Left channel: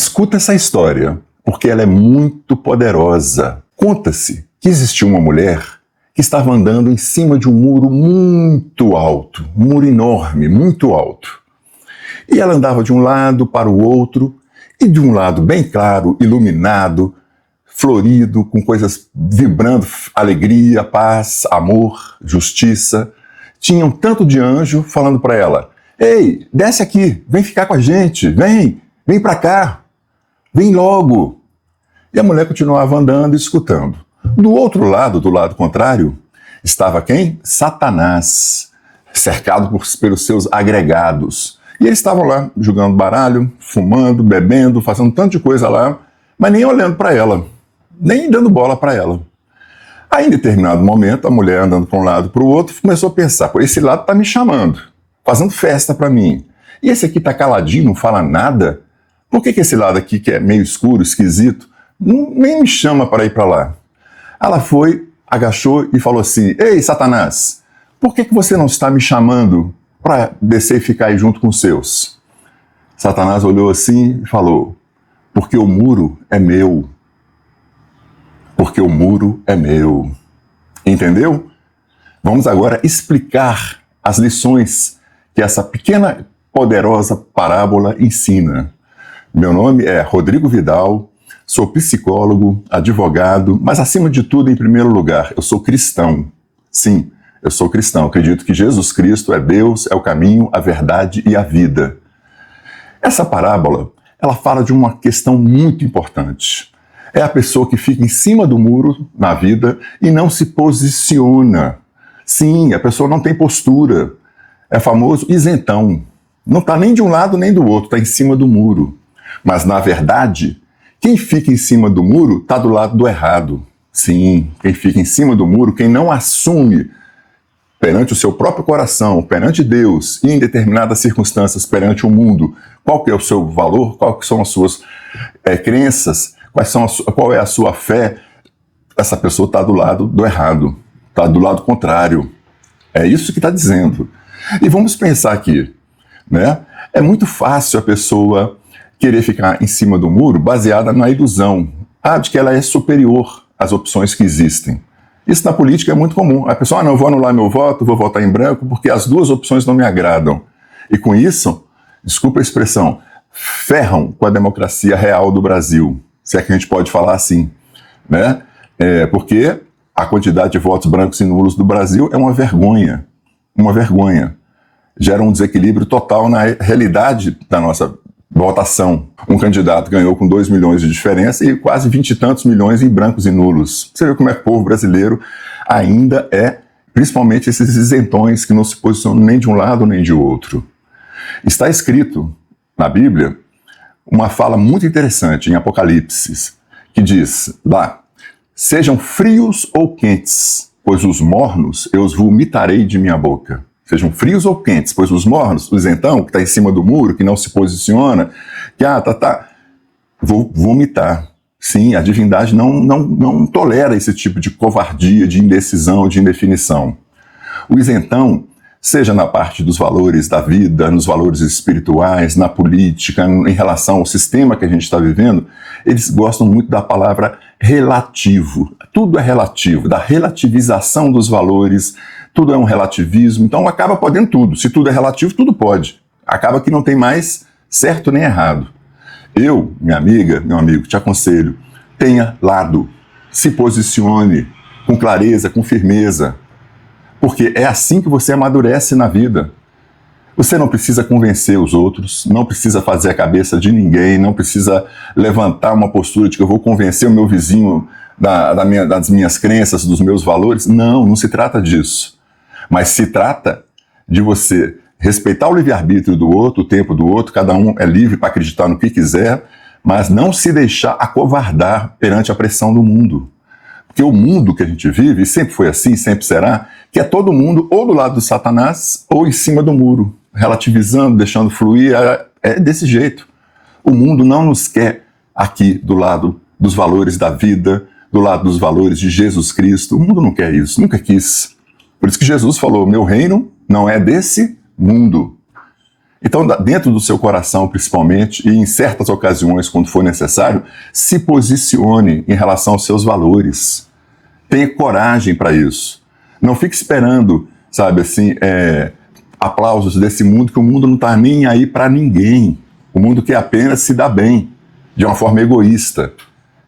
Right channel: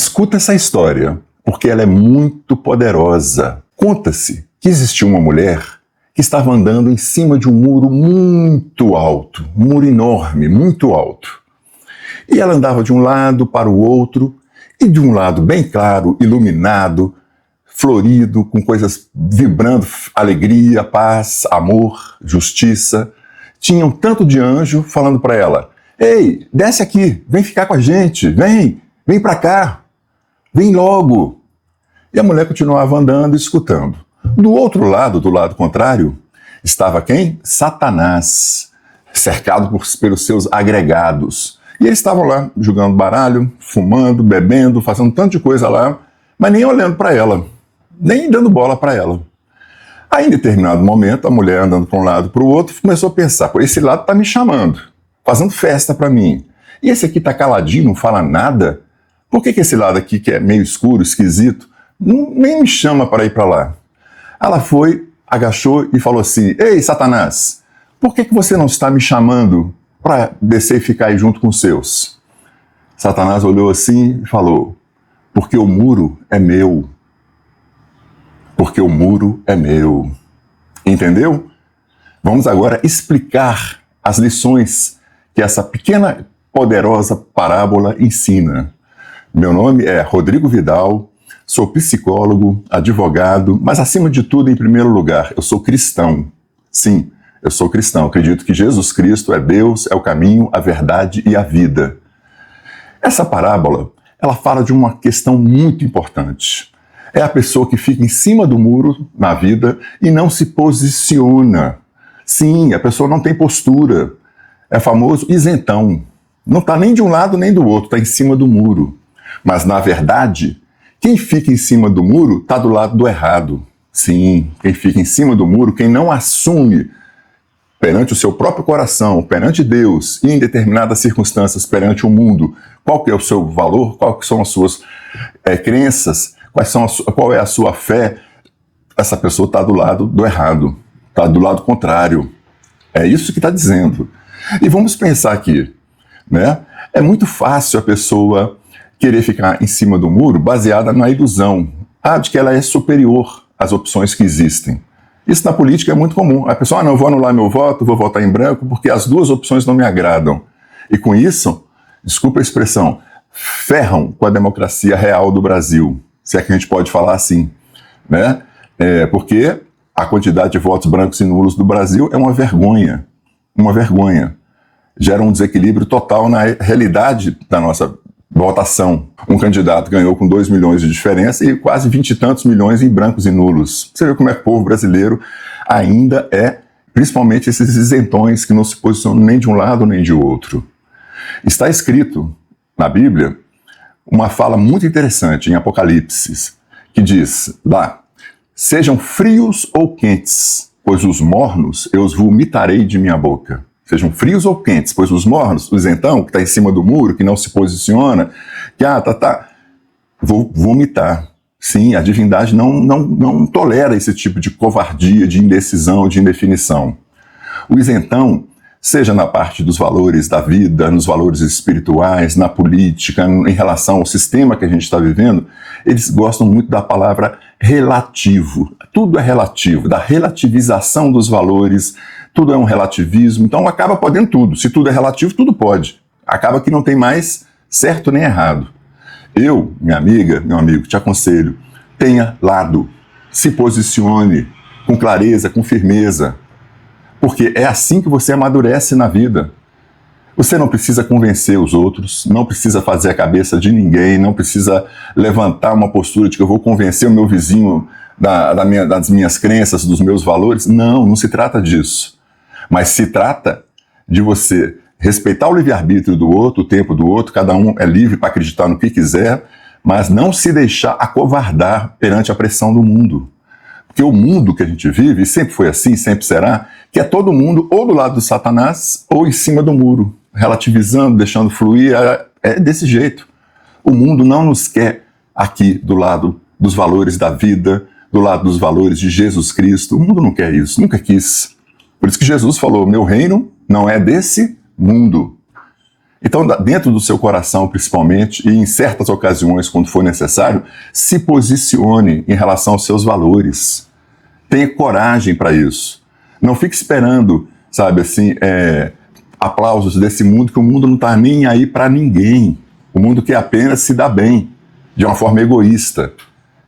Escuta essa história, porque ela é muito poderosa. Conta-se que existia uma mulher que estava andando em cima de um muro muito alto. Um muro enorme, muito alto. E ela andava de um lado para o outro, e de um lado bem claro, iluminado, florido, com coisas vibrando, alegria, paz, amor, justiça. Tinha um tanto de anjo falando para ela: ei, desce aqui, vem ficar com a gente, vem para cá, vem logo. E a mulher continuava andando e escutando. Do outro lado, do lado contrário, estava quem? Satanás, cercado pelos seus agregados. E eles estavam lá jogando baralho, fumando, bebendo, fazendo um tanto de coisa lá, mas nem olhando para ela, nem dando bola para ela. Aí, em determinado momento, a mulher andando para um lado e para o outro, começou a pensar: pô, esse lado está me chamando, fazendo festa para mim. E esse aqui está caladinho, não fala nada. Por que esse lado aqui, que é meio escuro, esquisito, nem me chama para ir para lá? Ela foi, agachou e falou assim: ei, Satanás, por que você não está me chamando para descer e ficar aí junto com os seus? Satanás olhou assim e falou: porque o muro é meu. Porque o muro é meu. Entendeu? Vamos agora explicar as lições que essa pequena, poderosa parábola ensina. Meu nome é Rodrigo Vidal, sou psicólogo, advogado, mas acima de tudo, em primeiro lugar, eu sou cristão. Sim, eu sou cristão. Acredito que Jesus Cristo é Deus, é o caminho, a verdade e a vida. Essa parábola, ela fala de uma questão muito importante. É a pessoa que fica em cima do muro na vida e não se posiciona. Sim, a pessoa não tem postura. É famoso isentão. Não está nem de um lado nem do outro, está em cima do muro. Mas, na verdade, quem fica em cima do muro está do lado do errado. Sim, quem fica em cima do muro, quem não assume perante o seu próprio coração, perante Deus, e em determinadas circunstâncias, perante o mundo, qual que é o seu valor, quais são as suas crenças, qual é a sua fé, essa pessoa está do lado do errado, está do lado contrário. É isso que está dizendo. E vamos pensar aqui, né? É muito fácil a pessoa querer ficar em cima do muro baseada na ilusão de que ela é superior às opções que existem. Isso na política é muito comum. A pessoa: não, vou anular meu voto, vou votar em branco porque as duas opções não me agradam. E com isso, desculpa a expressão, ferram com a democracia real do Brasil. Se é que a gente pode falar assim, né? Porque a quantidade de votos brancos e nulos do Brasil é uma vergonha. Uma vergonha. Gera um desequilíbrio total na realidade da nossa votação. Um candidato ganhou com 2 milhões de diferença e quase 20 e tantos milhões em brancos e nulos. Você vê como é que o povo brasileiro ainda é, principalmente esses isentões que não se posicionam nem de um lado nem de outro. Está escrito na Bíblia uma fala muito interessante em Apocalipse, que diz lá: sejam frios ou quentes, pois os mornos eu os vomitarei de minha boca. Sejam frios ou quentes, pois os mornos, o isentão, que está em cima do muro, que não se posiciona, que vou vomitar. Sim, a divindade não tolera esse tipo de covardia, de indecisão, de indefinição. O isentão, seja na parte dos valores da vida, nos valores espirituais, na política, em relação ao sistema que a gente está vivendo, eles gostam muito da palavra relativo. Tudo é relativo, da relativização dos valores. Tudo é um relativismo, então acaba podendo tudo. Se tudo é relativo, tudo pode. Acaba que não tem mais certo nem errado. Eu, minha amiga, meu amigo, te aconselho, tenha lado, se posicione com clareza, com firmeza, porque é assim que você amadurece na vida. Você não precisa convencer os outros, não precisa fazer a cabeça de ninguém, não precisa levantar uma postura de que eu vou convencer o meu vizinho das minhas crenças, dos meus valores. Não se trata disso. Mas se trata de você respeitar o livre-arbítrio do outro, o tempo do outro, cada um é livre para acreditar no que quiser, mas não se deixar acovardar perante a pressão do mundo. Porque o mundo que a gente vive, e sempre foi assim, sempre será, que é todo mundo ou do lado do Satanás ou em cima do muro, relativizando, deixando fluir, é desse jeito. O mundo não nos quer aqui do lado dos valores da vida, do lado dos valores de Jesus Cristo. O mundo não quer isso, nunca quis. Por isso que Jesus falou: meu reino não é desse mundo. Então, dentro do seu coração, principalmente, e em certas ocasiões, quando for necessário, se posicione em relação aos seus valores. Tenha coragem para isso. Não fique esperando, sabe assim, aplausos desse mundo, que o mundo não está nem aí para ninguém. O mundo quer apenas se dar bem, de uma forma egoísta.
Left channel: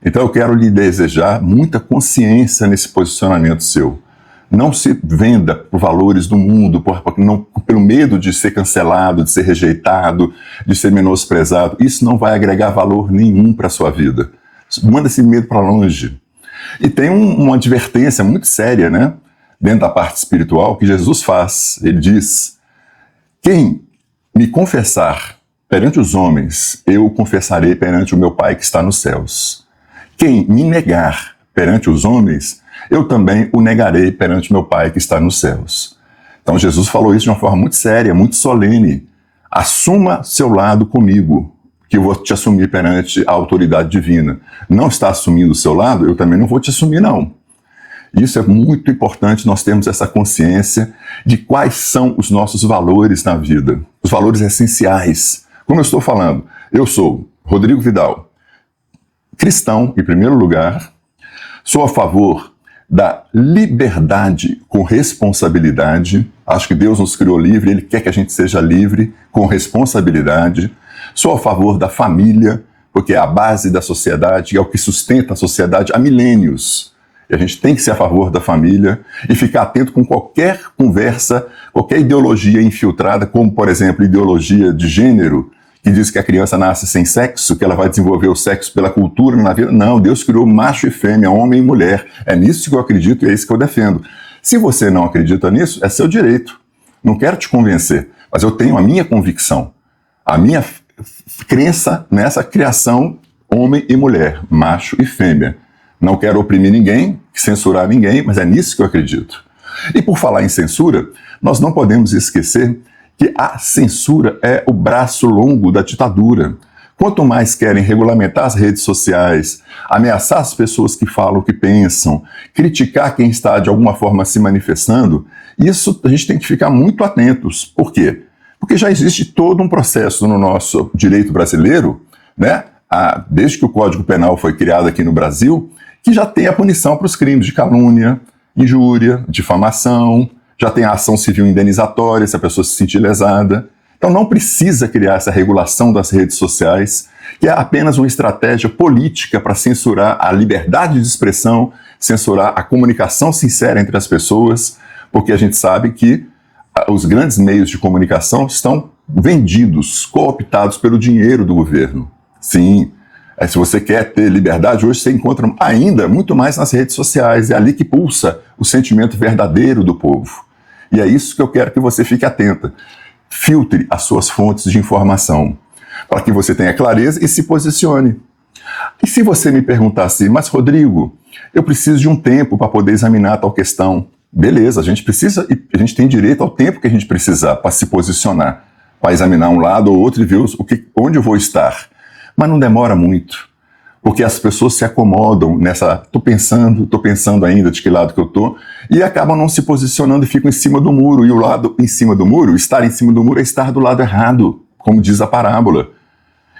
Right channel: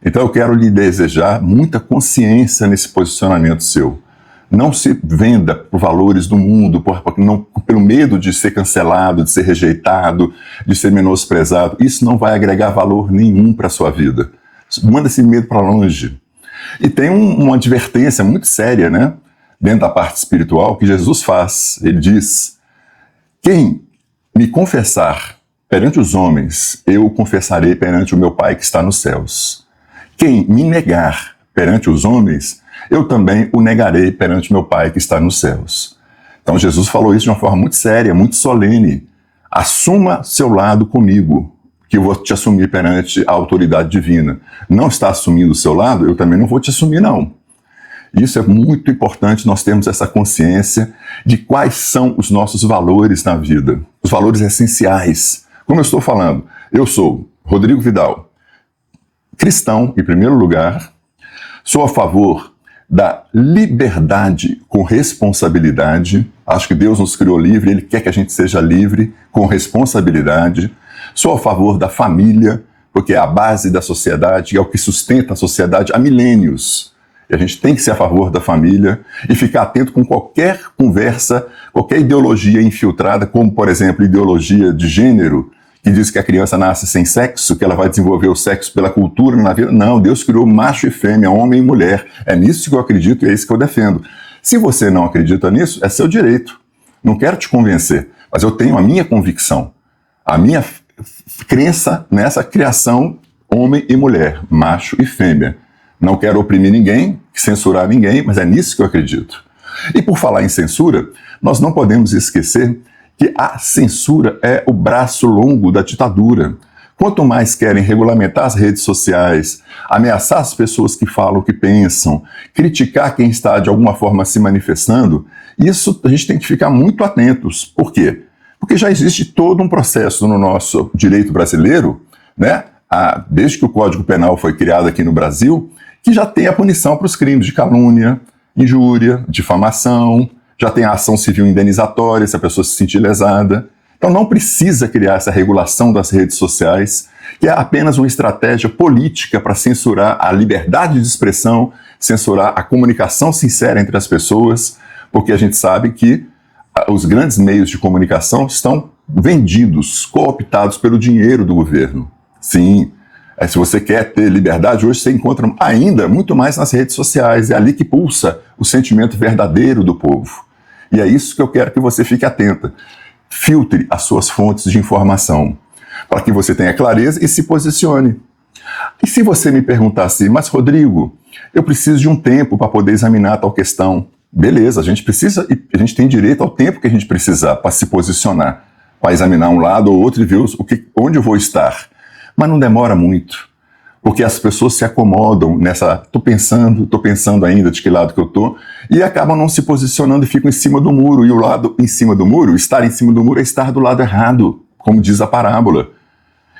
Então eu quero lhe desejar muita consciência nesse posicionamento seu. Não se venda por valores do mundo, pelo medo de ser cancelado, de ser rejeitado, de ser menosprezado. Isso não vai agregar valor nenhum para a sua vida. Manda esse medo para longe. E tem uma advertência muito séria, né? Dentro da parte espiritual, que Jesus faz. Ele diz: quem me confessar perante os homens, eu o confessarei perante o meu Pai que está nos céus. Quem me negar perante os homens, eu também o negarei perante meu Pai que está nos céus. Então Jesus falou isso de uma forma muito séria, muito solene. Assuma seu lado comigo, que eu vou te assumir perante a autoridade divina. Não está assumindo o seu lado, eu também não vou te assumir, não. Isso é muito importante, nós termos essa consciência de quais são os nossos valores na vida, os valores essenciais. Como eu estou falando, eu sou Rodrigo Vidal, cristão em primeiro lugar, sou a favor da liberdade com responsabilidade. Acho que Deus nos criou livre, Ele quer que a gente seja livre com responsabilidade. Sou a favor da família, porque é a base da sociedade, é o que sustenta a sociedade há milênios. A gente tem que ser a favor da família e ficar atento com qualquer conversa, qualquer ideologia infiltrada, como, por exemplo, ideologia de gênero, que diz que a criança nasce sem sexo, que ela vai desenvolver o sexo pela cultura e na vida. Não, Deus criou macho e fêmea, homem e mulher. É nisso que eu acredito, é isso que eu defendo. Se você não acredita nisso, é seu direito. Não quero te convencer, mas eu tenho a minha convicção, a minha crença nessa criação homem e mulher, macho e fêmea. Não quero oprimir ninguém, censurar ninguém, mas é nisso que eu acredito. E por falar em censura, nós não podemos esquecer que a censura é o braço longo da ditadura. Quanto mais querem regulamentar as redes sociais, ameaçar as pessoas que falam o que pensam, criticar quem está de alguma forma se manifestando, isso a gente tem que ficar muito atentos. Por quê? Porque já existe todo um processo no nosso direito brasileiro, né? Desde que o Código Penal foi criado aqui no Brasil, que já tem a punição para os crimes de calúnia, injúria, difamação, já tem a ação civil indenizatória se a pessoa se sentir lesada. Então não precisa criar essa regulação das redes sociais, que é apenas uma estratégia política para censurar a liberdade de expressão, censurar a comunicação sincera entre as pessoas, porque a gente sabe que os grandes meios de comunicação estão vendidos, cooptados pelo dinheiro do governo. Sim, se você quer ter liberdade, hoje você encontra ainda muito mais nas redes sociais. É ali que pulsa o sentimento verdadeiro do povo. E é isso que eu quero que você fique atenta. Filtre as suas fontes de informação, para que você tenha clareza e se posicione. E se você me perguntar assim, mas Rodrigo, eu preciso de um tempo para poder examinar tal questão. Beleza, a gente precisa, e a gente tem direito ao tempo que a gente precisar para se posicionar, para examinar um lado ou outro e ver onde eu vou estar. Mas não demora muito, porque as pessoas se acomodam nessa, tô pensando ainda de que lado que eu tô, e acabam não se posicionando e ficam em cima do muro. E o lado em cima do muro, estar em cima do muro é estar do lado errado, como diz a parábola.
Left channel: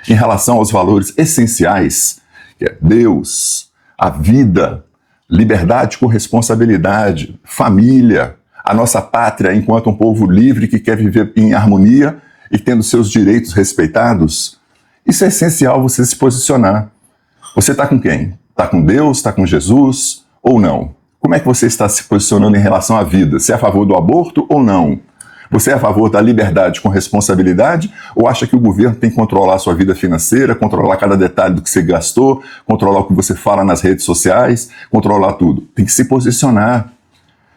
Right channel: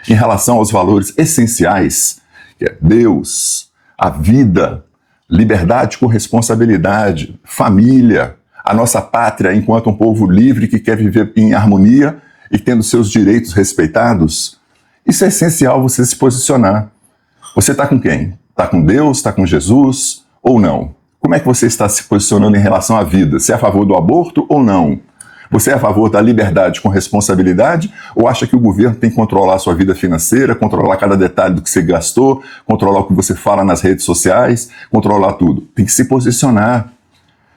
Em relação aos valores essenciais, que é Deus, a vida, liberdade com responsabilidade, família, a nossa pátria enquanto um povo livre que quer viver em harmonia e tendo seus direitos respeitados, isso é essencial você se posicionar. Você está com quem? Está com Deus? Está com Jesus? Ou não? Como é que você está se posicionando em relação à vida? Você é a favor do aborto ou não? Você é a favor da liberdade com responsabilidade ou acha que o governo tem que controlar a sua vida financeira, controlar cada detalhe do que você gastou, controlar o que você fala nas redes sociais, controlar tudo? Tem que se posicionar,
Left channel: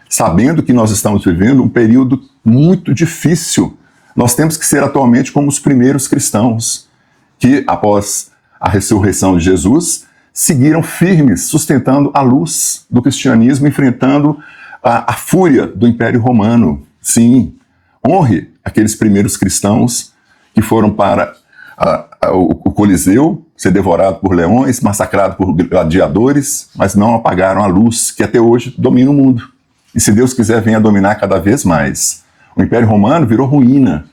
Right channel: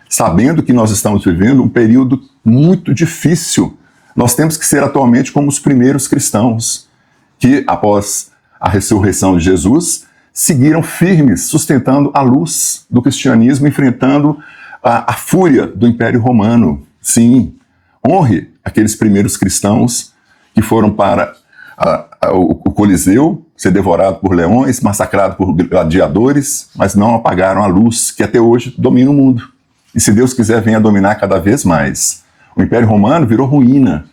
sabendo que nós estamos vivendo um período muito difícil. Nós temos que ser atualmente como os primeiros cristãos, que após a ressurreição de Jesus, seguiram firmes, sustentando a luz do cristianismo, enfrentando a fúria do Império Romano. Sim, honre aqueles primeiros cristãos que foram para o Coliseu, ser devorado por leões, massacrado por gladiadores, mas não apagaram a luz que até hoje domina o mundo. E se Deus quiser, venha dominar cada vez mais. O Império Romano virou ruína.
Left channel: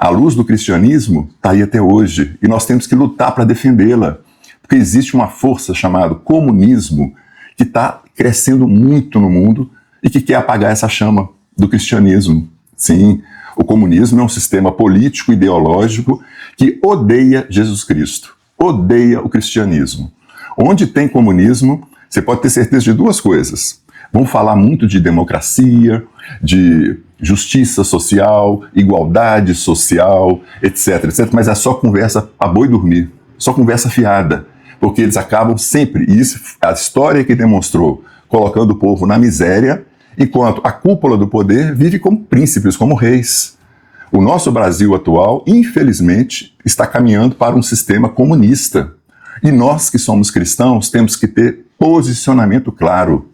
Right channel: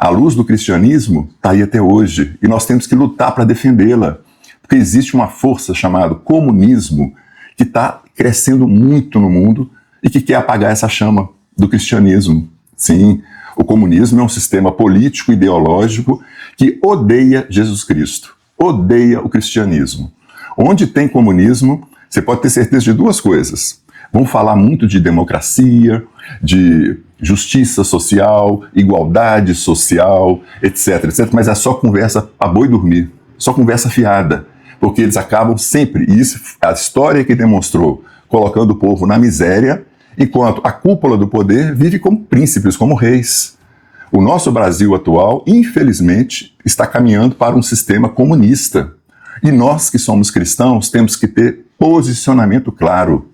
A luz do cristianismo está aí até hoje e nós temos que lutar para defendê-la, porque existe uma força chamada comunismo que está crescendo muito no mundo e que quer apagar essa chama do cristianismo. Sim, o comunismo é um sistema político, ideológico que odeia Jesus Cristo, odeia o cristianismo. Onde tem comunismo, você pode ter certeza de duas coisas. Vão falar muito de democracia, de justiça social, igualdade social, etc, etc. Mas é só conversa a boi dormir, só conversa fiada. Porque eles acabam sempre, e isso a história que demonstrou, colocando o povo na miséria, enquanto a cúpula do poder vive como príncipes, como reis. O nosso Brasil atual, infelizmente, está caminhando para um sistema comunista. E nós que somos cristãos temos que ter posicionamento claro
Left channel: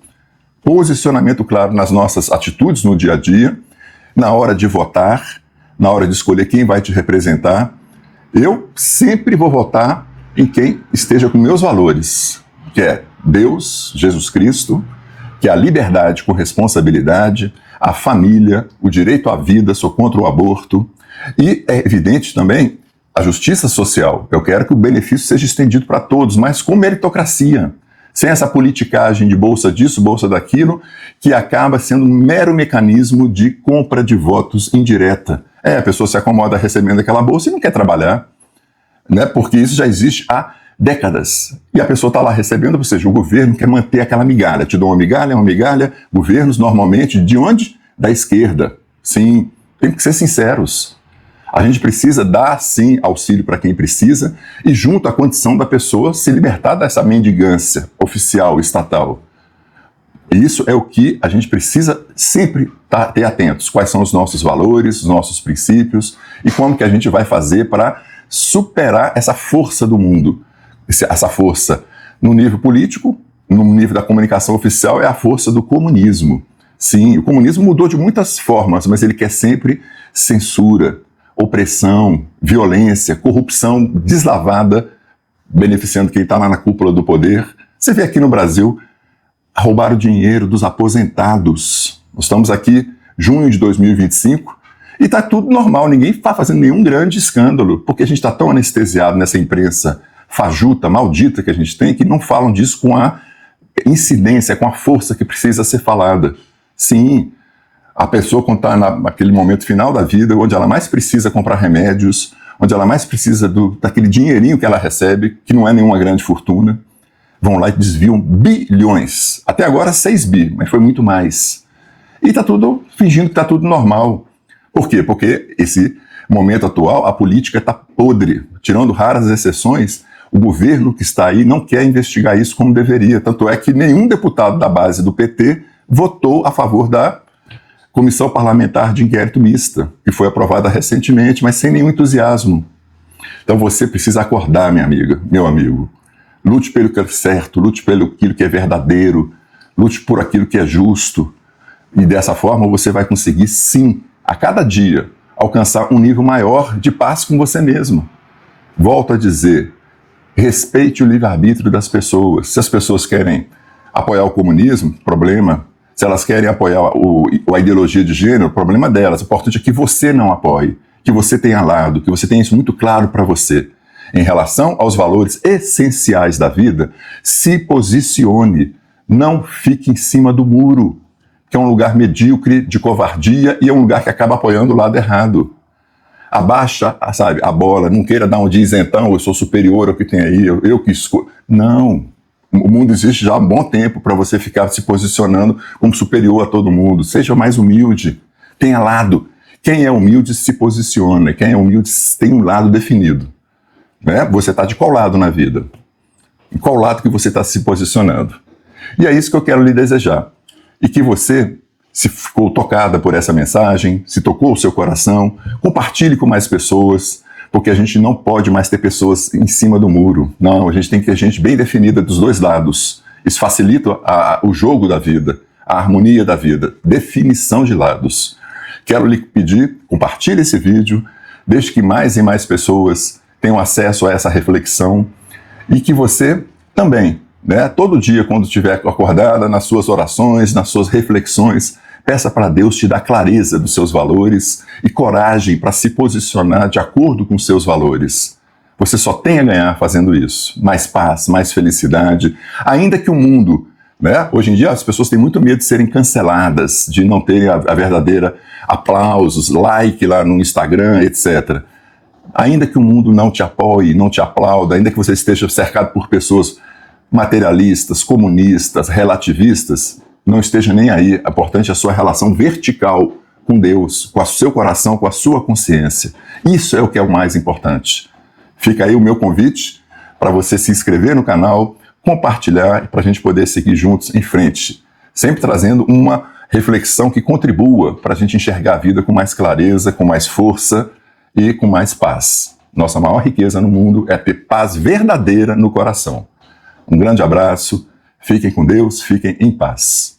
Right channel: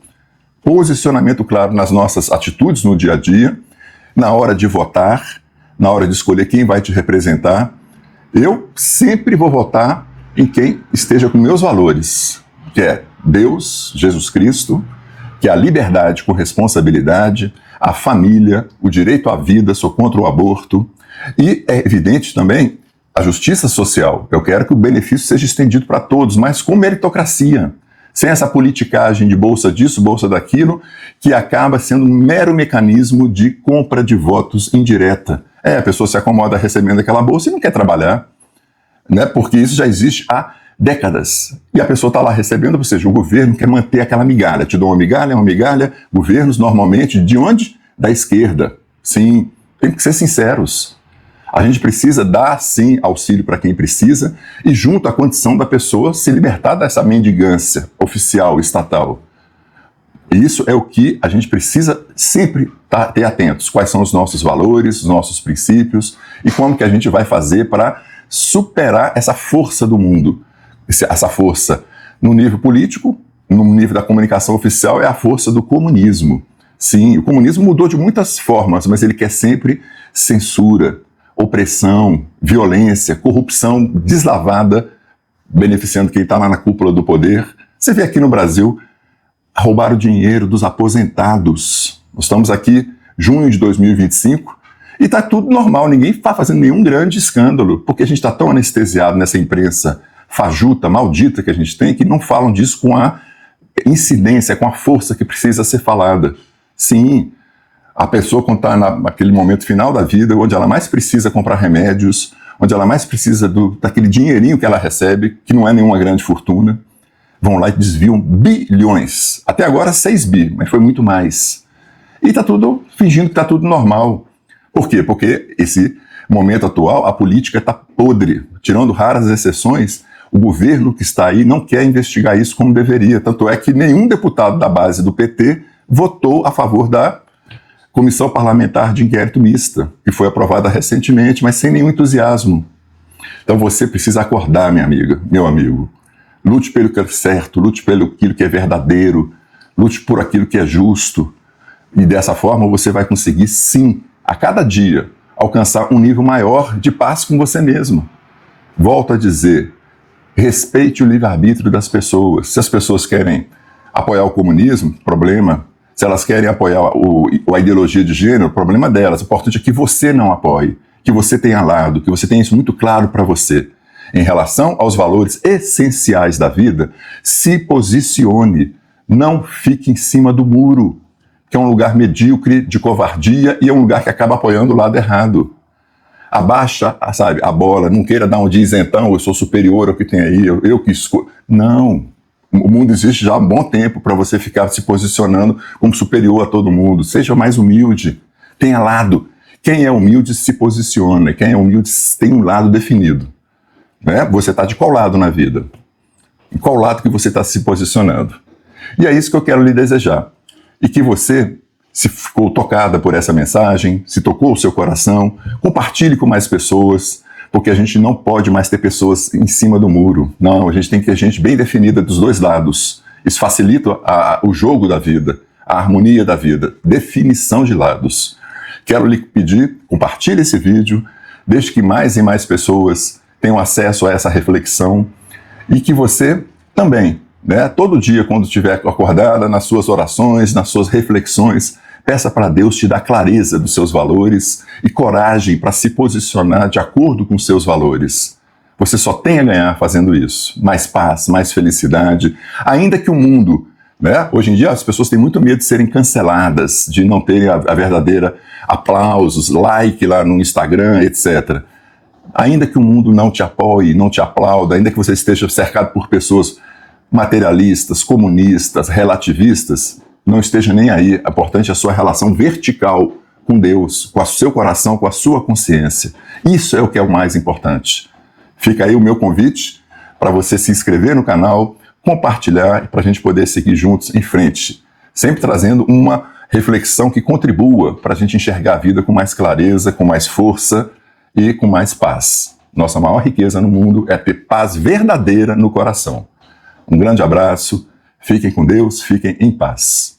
nas nossas atitudes no dia a dia, na hora de votar, na hora de escolher quem vai te representar. Eu sempre vou votar em quem esteja com meus valores, que é Deus, Jesus Cristo, que é a liberdade com responsabilidade, a família, o direito à vida, sou contra o aborto. E é evidente também a justiça social. Eu quero que o benefício seja estendido para todos, mas com meritocracia. Sem essa politicagem de bolsa disso, bolsa daquilo, que acaba sendo um mero mecanismo de compra de votos indireta. E a pessoa se acomoda recebendo aquela bolsa e não quer trabalhar, né? Porque isso já existe há décadas. E a pessoa está lá recebendo, ou seja, o governo quer manter aquela migalha. Te dou uma migalha. Governos, normalmente, de onde? Da esquerda. Sim, tem que ser sinceros. A gente precisa dar, sim, auxílio para quem precisa e junto à condição da pessoa se libertar dessa mendigância oficial, estatal. Isso é o que a gente precisa sempre ter atentos. Quais são os nossos valores, os nossos princípios e como que a gente vai fazer para superar essa força do mundo. Essa força no nível político, no nível da comunicação oficial, é a força do comunismo. Sim, o comunismo mudou de muitas formas, mas ele quer sempre censura, opressão, violência, corrupção deslavada, beneficiando quem está lá na cúpula do poder. Você vê aqui no Brasil, roubaram dinheiro dos aposentados. Nós estamos aqui, junho de 2025, e está tudo normal, ninguém está fazendo nenhum grande escândalo, porque a gente está tão anestesiado nessa imprensa fajuta, maldita que a gente tem, que não falam disso com a incidência, com a força que precisa ser falada. Sim, a pessoa quando está naquele momento final da vida, onde ela mais precisa comprar remédios, onde ela mais precisa daquele dinheirinho que ela recebe, que não é nenhuma grande fortuna, vão lá e desviam bilhões. Até agora 6 bi, mas foi muito mais. E está tudo fingindo que está tudo normal. Por quê? Porque esse momento atual, a política está podre. Tirando raras exceções, o governo que está aí não quer investigar isso como deveria. Tanto é que nenhum deputado da base do PT votou a favor da Comissão Parlamentar de Inquérito Mista, que foi aprovada recentemente, mas sem nenhum entusiasmo. Então você precisa acordar, minha amiga, meu amigo. Lute pelo que é certo, lute pelo aquilo que é verdadeiro, lute por aquilo que é justo. E dessa forma você vai conseguir, sim, a cada dia, alcançar um nível maior de paz com você mesmo. Volto a dizer, respeite o livre-arbítrio das pessoas. Se as pessoas querem apoiar o comunismo, problema. Se elas querem apoiar a ideologia de gênero, problema delas. O importante é que você não apoie, que você tenha lado, que você tenha isso muito claro para você. Em relação aos valores essenciais da vida, se posicione. Não fique em cima do muro, que é um lugar medíocre, de covardia, e é um lugar que acaba apoiando o lado errado. Abaixa, sabe, a bola, não queira dar um de isentão, eu sou superior ao que tem aí, eu que escolho. Não. O mundo existe já há um bom tempo para você ficar se posicionando como superior a todo mundo. Seja mais humilde, tenha lado. Quem é humilde se posiciona, quem é humilde tem um lado definido. Né? Você está de qual lado na vida? Em qual lado que você está se posicionando? E é isso que eu quero lhe desejar. E que você, se ficou tocada por essa mensagem, se tocou o seu coração, compartilhe com mais pessoas, porque a gente não pode mais ter pessoas em cima do muro. Não, a gente tem que ter gente bem definida dos dois lados. Isso facilita o jogo da vida, a harmonia da vida, definição de lados. Quero lhe pedir, compartilhe esse vídeo, deixe que mais e mais pessoas tenham acesso a essa reflexão e que você também, né, todo dia quando estiver acordada, nas suas orações, nas suas reflexões, Peça para Deus te dar clareza dos seus valores e coragem para se posicionar de acordo com seus valores. Você só tem a ganhar fazendo isso. Mais paz, mais felicidade. Ainda que o mundo, né? Hoje em dia as pessoas têm muito medo de serem canceladas, de não terem a verdadeira aplausos, like lá no Instagram, etc. Ainda que o mundo não te apoie, não te aplauda, ainda que você esteja cercado por pessoas materialistas, comunistas, relativistas, não esteja nem aí. O importante é a sua relação vertical com Deus, com o seu coração, com a sua consciência. Isso é o que é o mais importante. Fica aí o meu convite para você se inscrever no canal, compartilhar, para a gente poder seguir juntos em frente. Sempre trazendo uma reflexão que contribua para a gente enxergar a vida com mais clareza, com mais força e com mais paz. Nossa maior riqueza no mundo é ter paz verdadeira no coração. Um grande abraço, fiquem com Deus, fiquem em paz.